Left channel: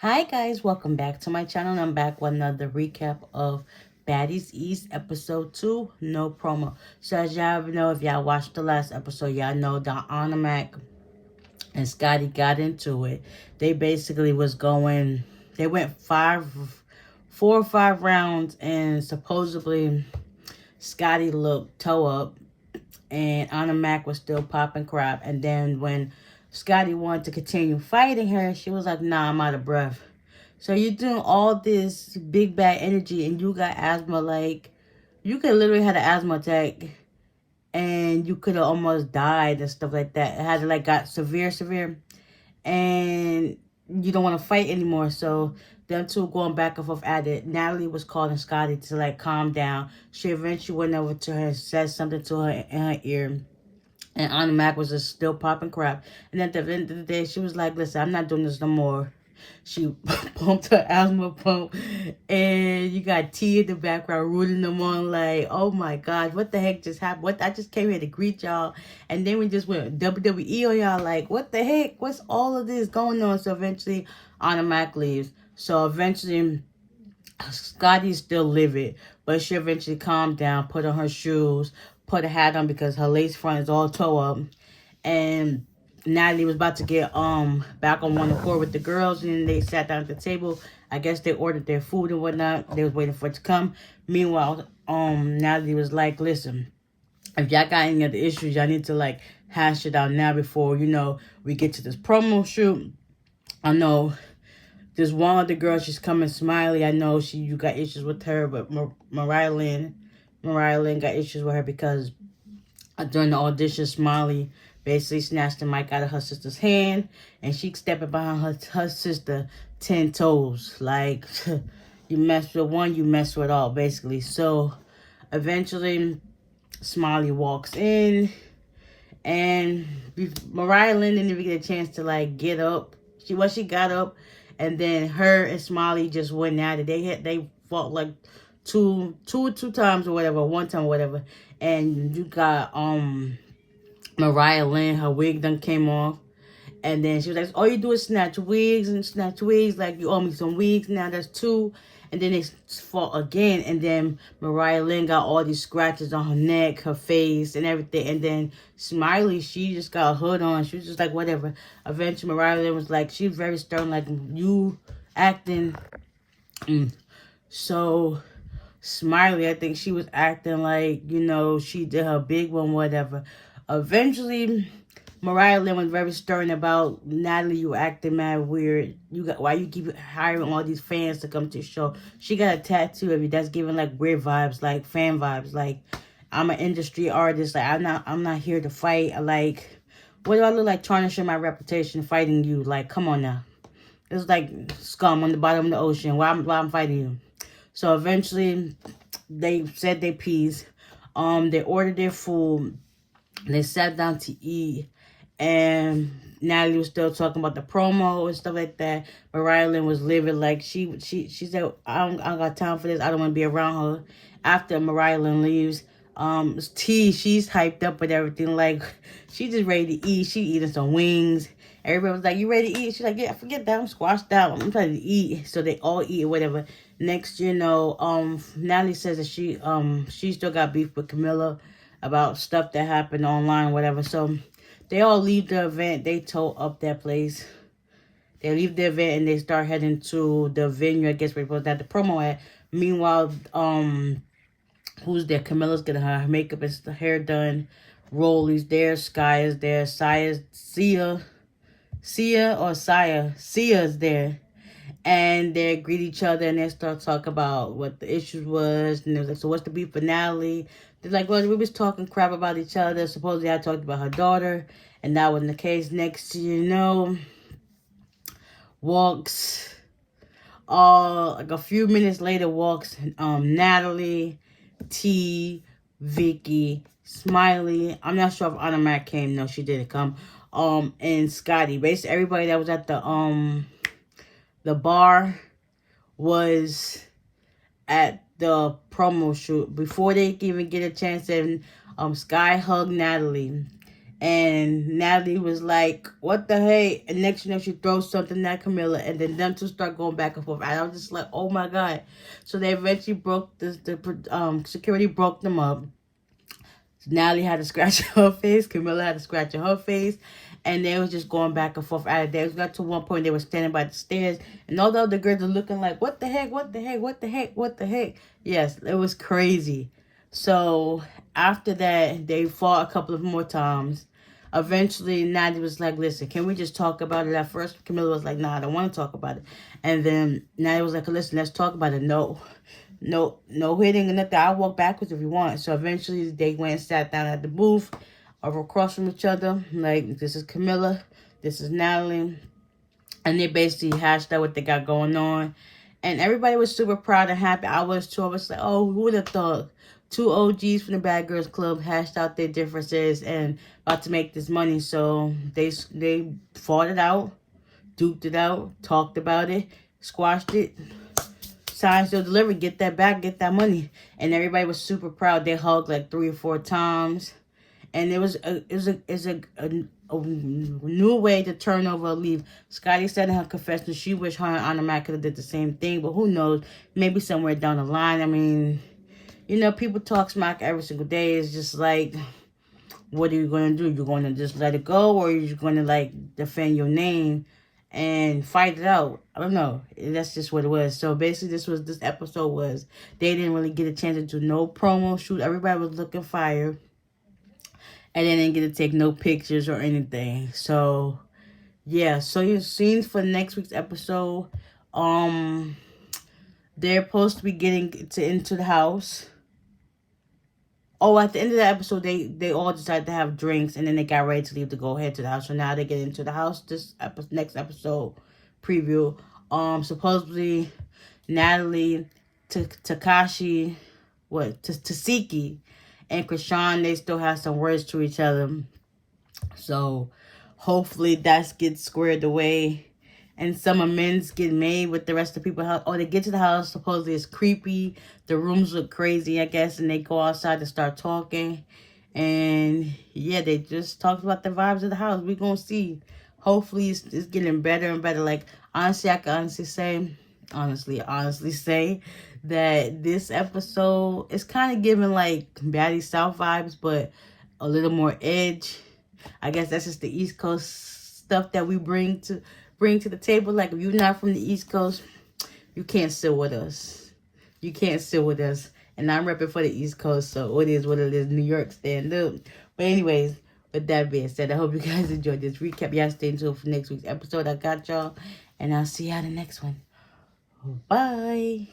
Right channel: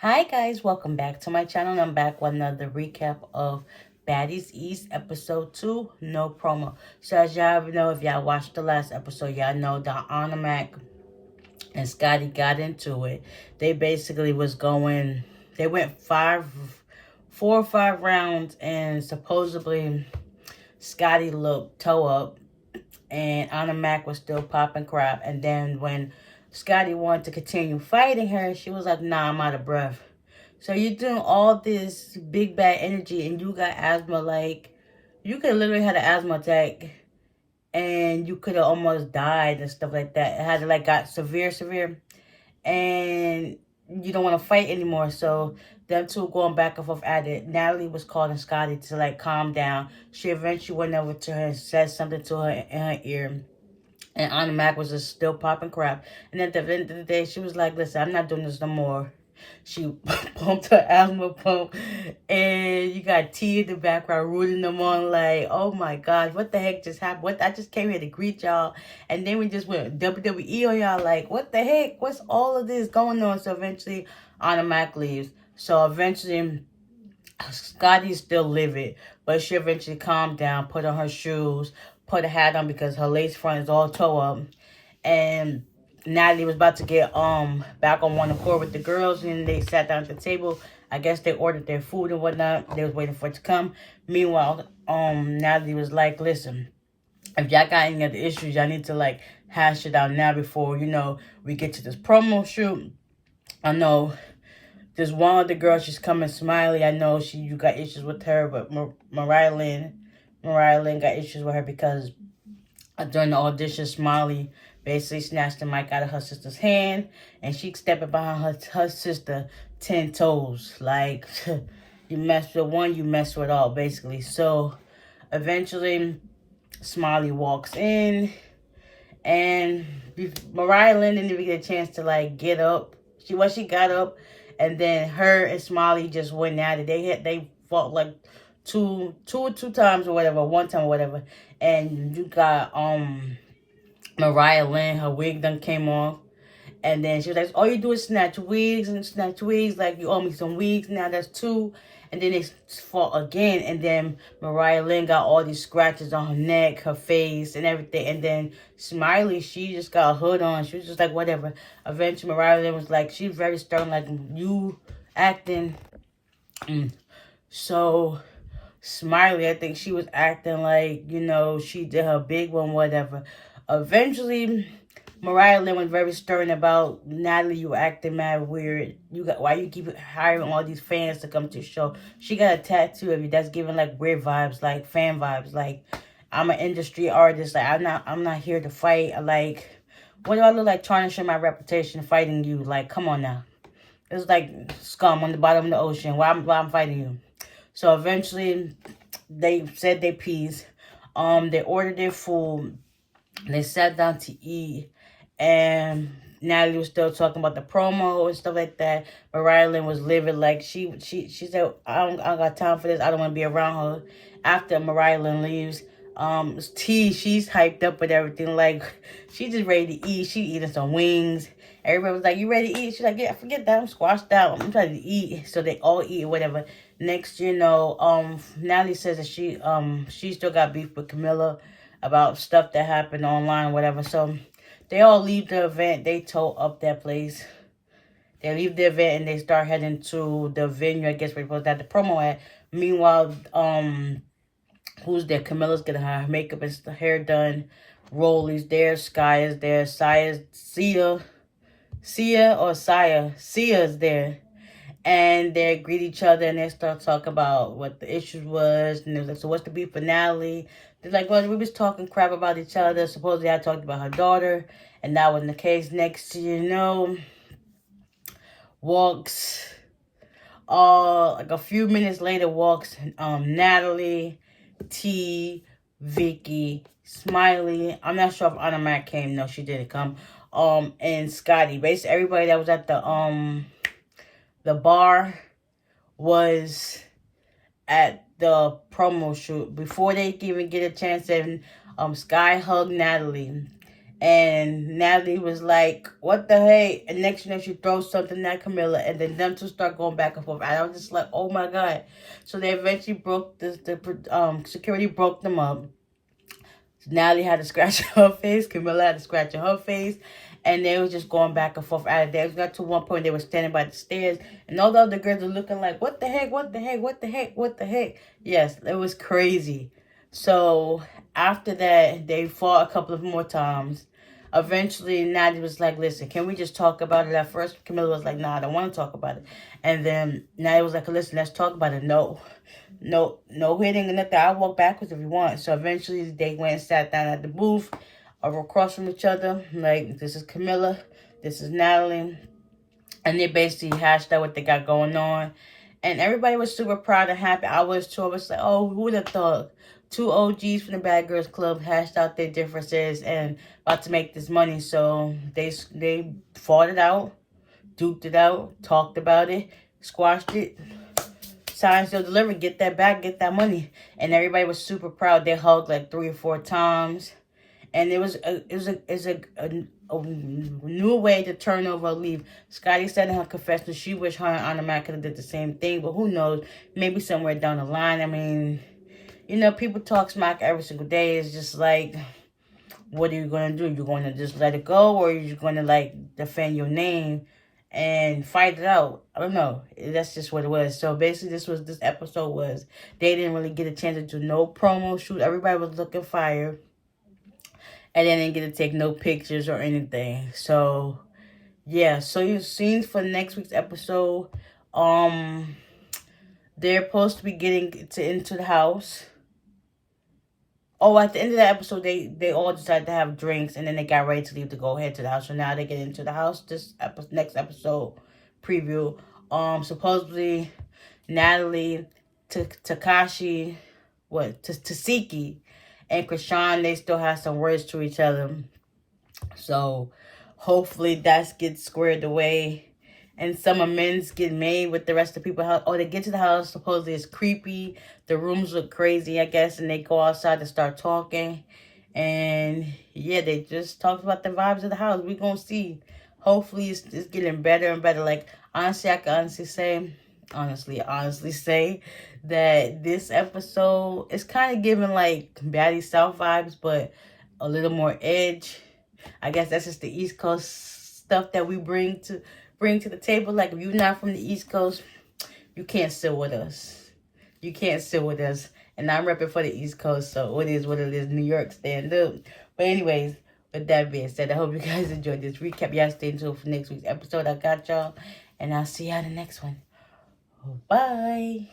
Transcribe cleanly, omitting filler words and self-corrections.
Hi guys, welcome back to my channel. I'm back with another recap of Baddies East episode 2, no promo. So as y'all know, if y'all watched the last episode, y'all know that Mac and Scotty got into it. They basically they went 4 or 5 rounds, and supposedly Scotty looked toe up and Anna Mac was still popping crap. And then when Scotty wanted to continue fighting her, she was like, nah, I'm out of breath. So you're doing all this big bad energy and you got asthma. Like, you could literally had an asthma attack and you could have almost died and stuff like that. It had like got severe. And you don't want to fight anymore. So them two going back and forth at it. Natalie was calling Scotty to like calm down. She eventually went over to her and said something to her in her ear. And Anna Mac was just still popping crap. And at the end of the day, she was like, listen, I'm not doing this no more. She pumped her asthma pump. And you got T in the background rooting them on like, oh my gosh, what the heck just happened? I just came here to greet y'all. And then we just went WWE on y'all like, what the heck? What's all of this going on? So eventually, Anna Mac leaves. So eventually, Scotty's still livid. But she eventually calmed down, put on her shoes, put a hat on because her lace front is all toe up. And Natalie was about to get back on one accord with the girls, and they sat down at the table. I guess they ordered their food and whatnot. They was waiting for it to come. Meanwhile, Natalie was like, listen, if y'all got any other issues, y'all need to like hash it out now before, we get to this promo shoot. I know there's one other girl, she's coming, Smiley. I know you got issues with her, but Mariah Lynn got issues with her because during the audition, Smiley basically snatched the mic out of her sister's hand, and she stepping behind her sister 10 toes. Like, you mess with one, you mess with all, basically. So, eventually, Smiley walks in, and Mariah Lynn didn't even get a chance to, like, get up. She got up, and then her and Smiley just went at it. They fought, like, two times or whatever, one time or whatever. And you got, Mariah Lynn, her wig done came off. And then she was like, all you do is snatch wigs. Like, you owe me some wigs. Now that's 2. And then they fought again. And then Mariah Lynn got all these scratches on her neck, her face, and everything. And then Smiley, she just got a hood on. She was just like, whatever. Eventually, Mariah Lynn was like, she's very stern, like, you acting. So, Smiley, I think she was acting like, she did her big one, whatever. Eventually, Mariah Lynn was very stern about, Natalie, you acting mad weird. Why you keep hiring all these fans to come to your show? She got a tattoo of you that's giving like weird vibes, like fan vibes. Like, I'm an industry artist. Like, I'm not here to fight. Like, what do I look like tarnishing my reputation fighting you? Like, come on now. It's like scum on the bottom of the ocean. Why I'm fighting you? So eventually, they said their piece. They ordered their food. They sat down to eat, and Natalie was still talking about the promo and stuff like that. Mariah Lynn was living like she said, I don't got time for this. I don't want to be around her. After Mariah Lynn leaves, T, she's hyped up with everything. Like, she just ready to eat. She eating some wings. Everybody was like, you ready to eat? She's like, yeah, forget that. I'm squashed out. I'm trying to eat. So they all eat or whatever. Next, Natalie says that she still got beef with Camilla about stuff that happened online, whatever. So they all leave the event. They tow up that place. They leave the event and they start heading to the venue, I guess, where supposed to have the promo at. Meanwhile, who's there? Camilla's getting her makeup and hair done. Rolly's there. Sky is there. Sia's there. And they greet each other and they start talking about what the issues was. And they're like, so what's the beef for Natalie? They're like, well, we was talking crap about each other. Supposedly I talked about her daughter. And that wasn't the case. Next, walks, like a few minutes later, walks Natalie, T, Vicky, Smiley. I'm not sure if Anna Mac came. No, she didn't come. And Scotty. Basically, everybody that was at the bar was at the promo shoot. Before they even get a chance, and Sky hugged Natalie. And Natalie was like, what the heck? And next you know, she throws something at Camilla. And then them two start going back and forth. And I was just like, oh my God. So they eventually broke the security broke them up. Natalie had to scratch her face. Camilla had to scratch her face. And they was just going back and forth out of there. It got to one point they were standing by the stairs. And all the other girls were looking like, what the heck? What the heck? What the heck? What the heck? Yes, it was crazy. So after that, they fought a couple of more times. Eventually, Natalie was like, listen, can we just talk about it? At first, Camilla was like, nah, I don't want to talk about it. And then Natalie was like, listen, let's talk about it. No hitting and nothing. I'll walk backwards if you want. So eventually, they went and sat down at the booth over across from each other. Like, this is Camilla, this is Natalie. And they basically hashed out what they got going on. And everybody was super proud and happy. I was too. I was like, oh, who would have thought? Two OGs from the Bad Girls Club hashed out their differences and about to make this money. So they fought it out, duked it out, talked about it, squashed it, signed, still delivered, get that back, get that money. And everybody was super proud. They hugged like 3 or 4 times. And it was a new way to turn over a leaf. Scotty said in her confession she wished her and Anna Mac could have did the same thing. But who knows? Maybe somewhere down the line. I mean, you know, people talk smack every single day. It's just like, what are you going to do? You're going to just let it go? Or you're going to, like, defend your name and fight it out? I don't know. That's just what it was. So, basically, this episode was, they didn't really get a chance to do no promo shoot. Everybody was looking fire. And they didn't get to take no pictures or anything. So, yeah. So, you've seen for next week's episode, they're supposed to be getting into the house. Oh, at the end of the episode, they all decided to have drinks, and then they got ready to leave to go head to the house. So now they get into the house. This next episode preview. Supposedly Natalie, Tasiki, and Krishan, they still have some words to each other. So hopefully that gets squared away. And some amends get made with the rest of the people. Oh, they get to the house. Supposedly it's creepy. The rooms look crazy, I guess. And they go outside to start talking. And yeah, they just talked about the vibes of the house. We're going to see. Hopefully it's getting better and better. Like, honestly, I can honestly say that this episode is kind of giving like Baddies South vibes, but a little more edge. I guess that's just the East Coast stuff that we bring to the table. Like, if you're not from the East Coast, you can't sit with us. You can't sit with us. And I'm repping for the East Coast, so it is what it is. New York, stand up. But anyways, with that being said, I hope you guys enjoyed this recap. Y'all stay tuned for next week's episode. I got y'all. And I'll see y'all in the next one. Bye.